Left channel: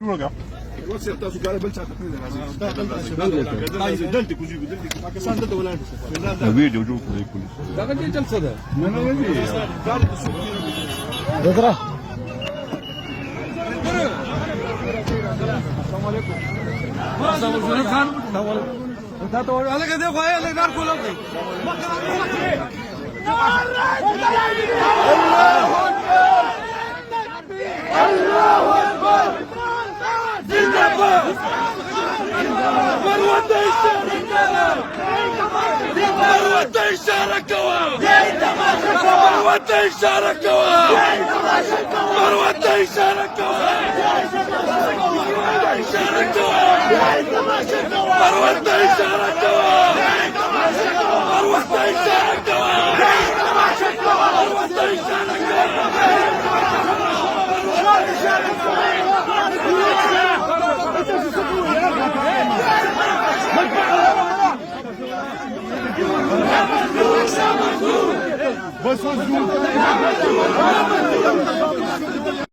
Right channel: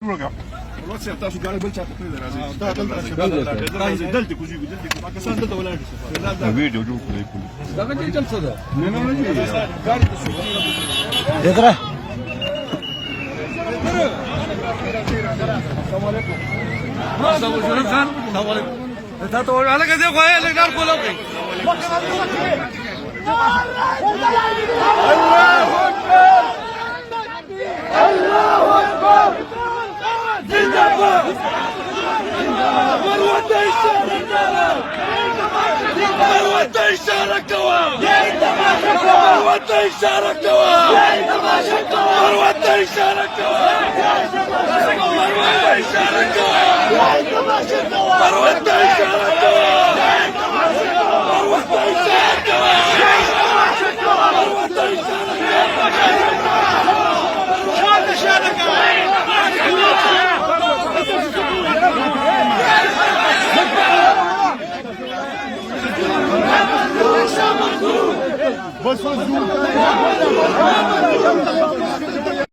Program. وڅ تاسو ګاډي بل چا ته نه راځي دا دلته دلته کوجی دلته کې پاکستان دلته ولاړ دي ویډیو جوړ کړی پولیس دا باندې چل څه ده نه ګاډي دیکھ دا ته ولا کې دی خو یې لګار کولو کې بس